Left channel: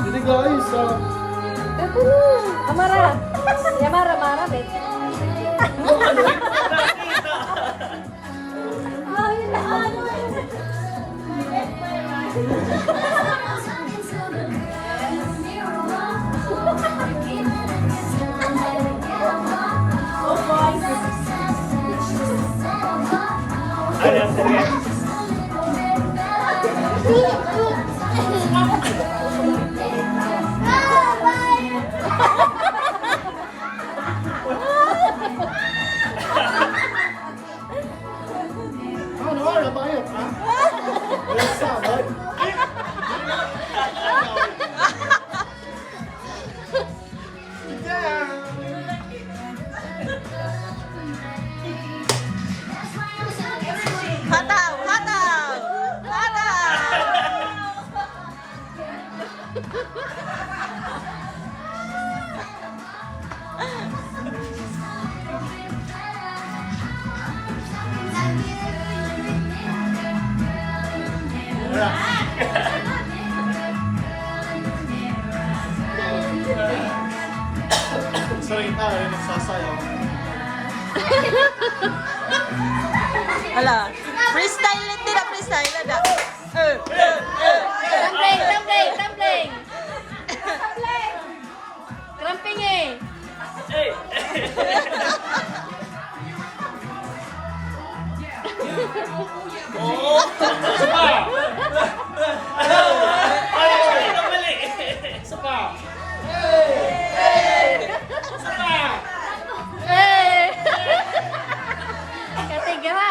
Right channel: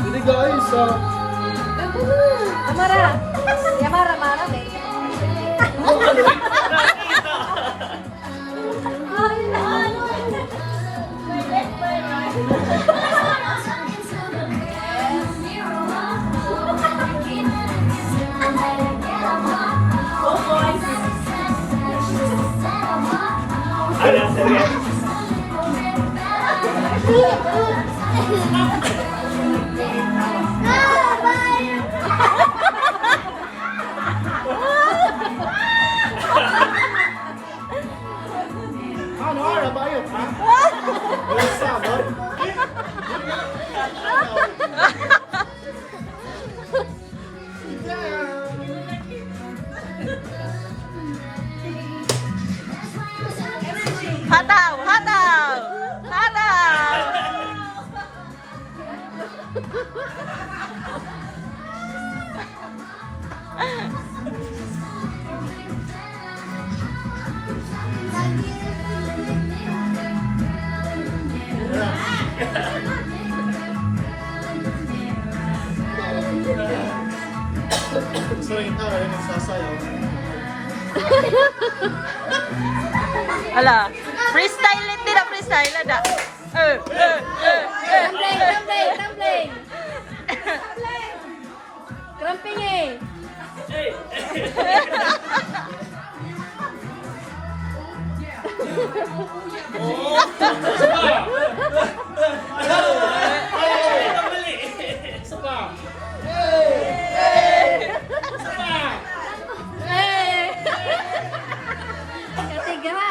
Jadi guys, Kamara. Kamara mana deh? Ada serius. ano, nabayot ha? Isa, boy. Hataw! Hataw! Hataw! Sering tayo yung nagsasayaw. Ala, freestyle din na freestyle na da. Tumbling, tumbling, tumbling. Cramping eh. Oh, suka. Ay, mali. Suka. Suka. Eh. Ketiga.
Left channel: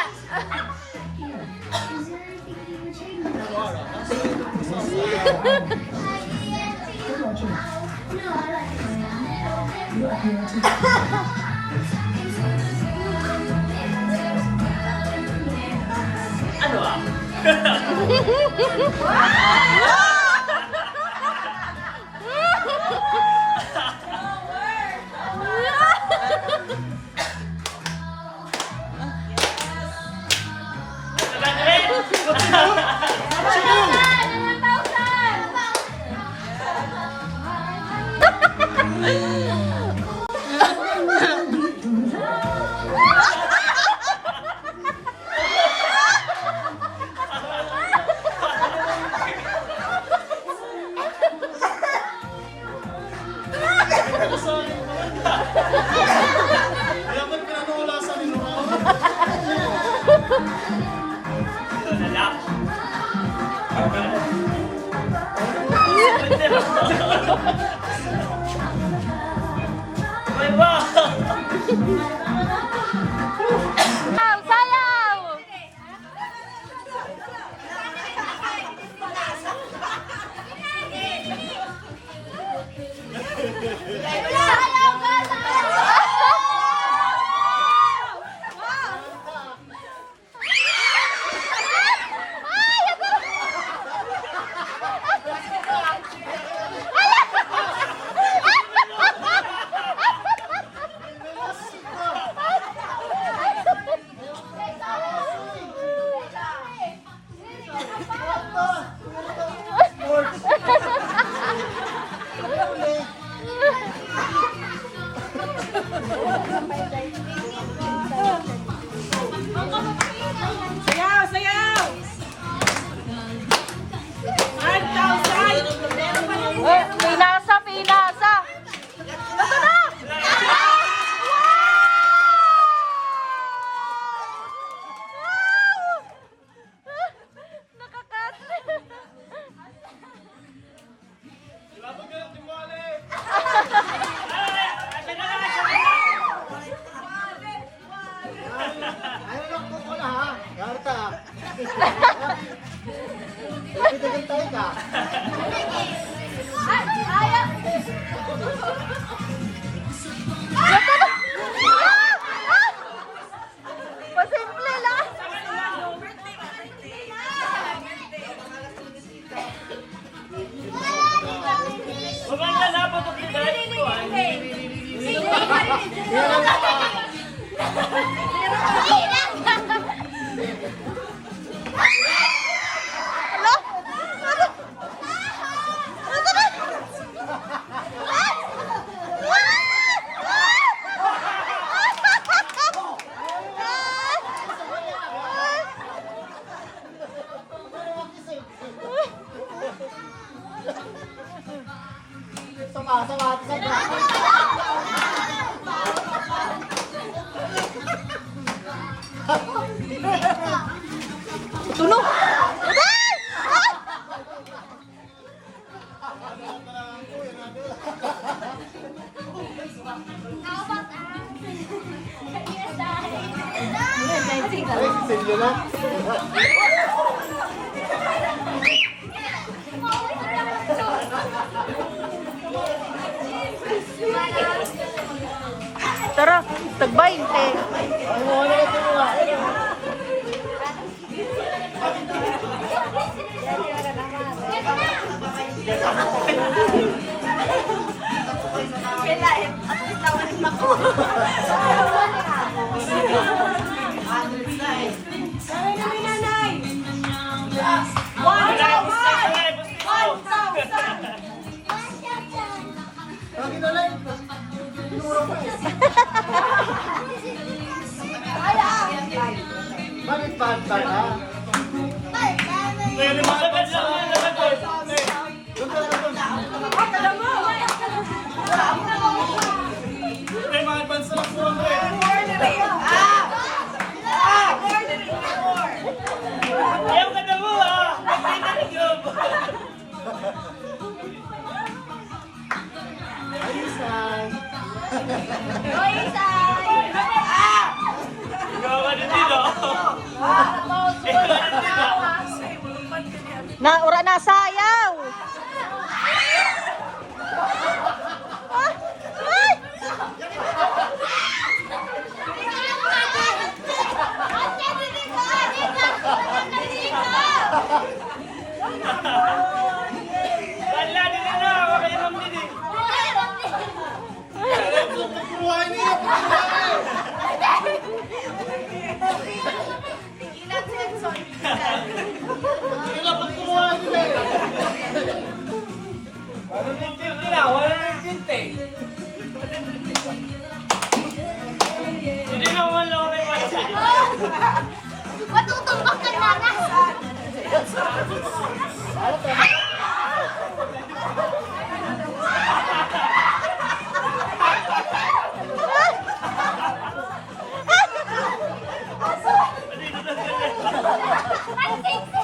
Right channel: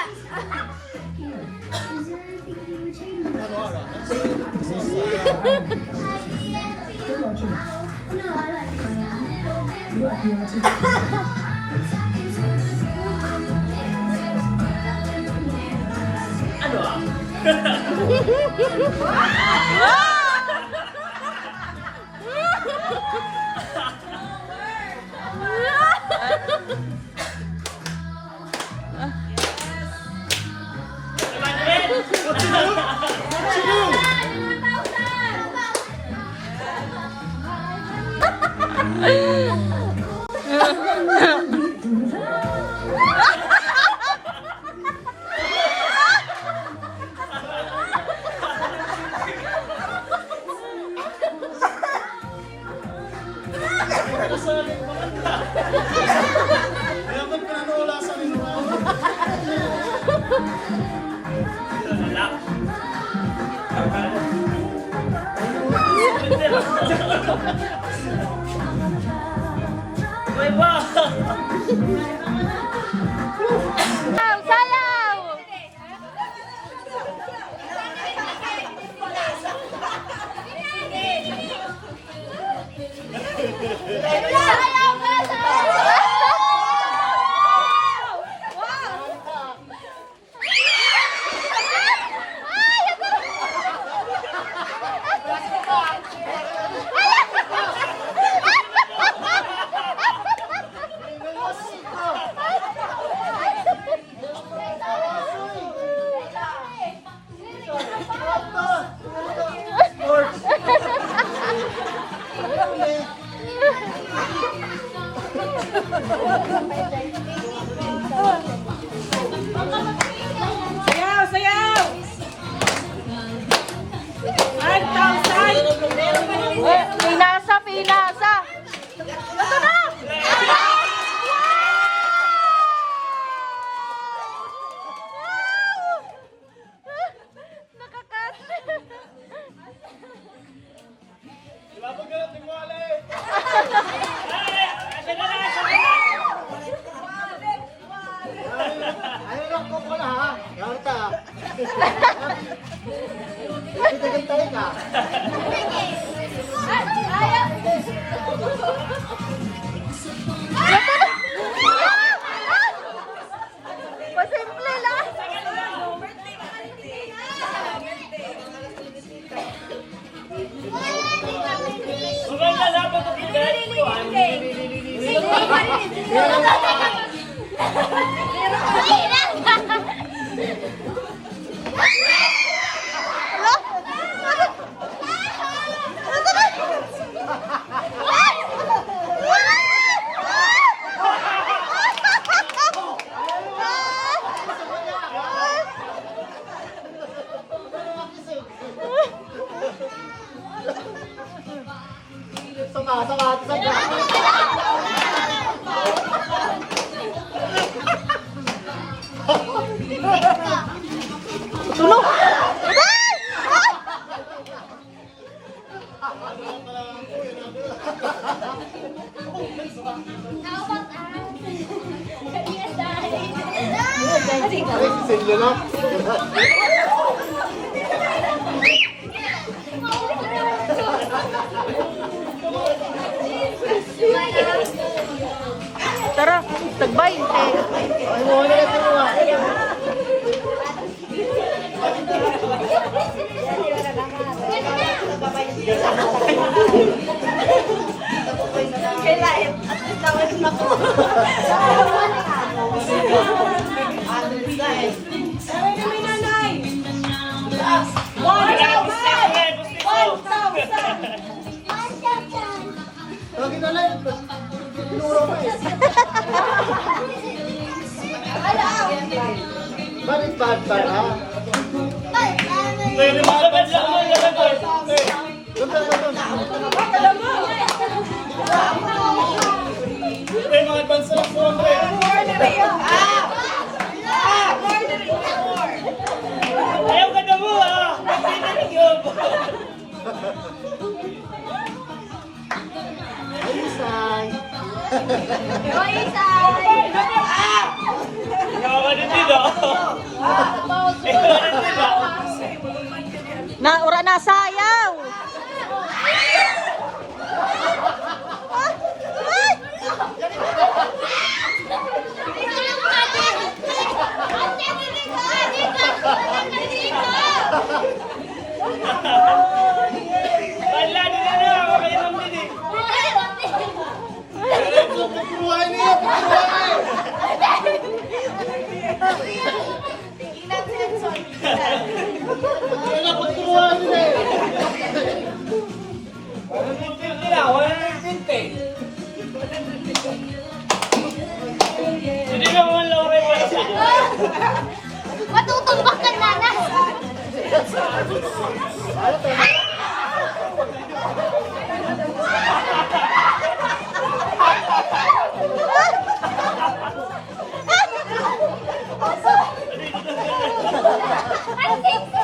Ano ah? Dapat ka na wala sa nilumaw. Wala. May ba? Sayaw! Sayaw! 5,000! Pinasa! Pinasa! Ayaw na ko pala ha. Yarta. Pipitigan tayo ka. Maganda na pa ito pinahit ko. Sige na. Tara, tagbay. Ano na ito mga? Kailan? At least naman na ko. Lagi na lang. Pinuro ko eh. Bakit bad ba ha? Pwede mga labad lang naman, labad lang. Doon ka May mga advance lang po ako eh. Ayaw ka na mo ah! Pinanigyob! Ikaw ka din dito. Ikaw ka din dito. Na, ura na sayaw. Wala din na ako kayo ng mini. Pagkuruhan niya! Pagkuruhan! Kailan pagkuruhan niya eh! Hindi na mo man laway pa siya. Matutumbak ka na na. Ang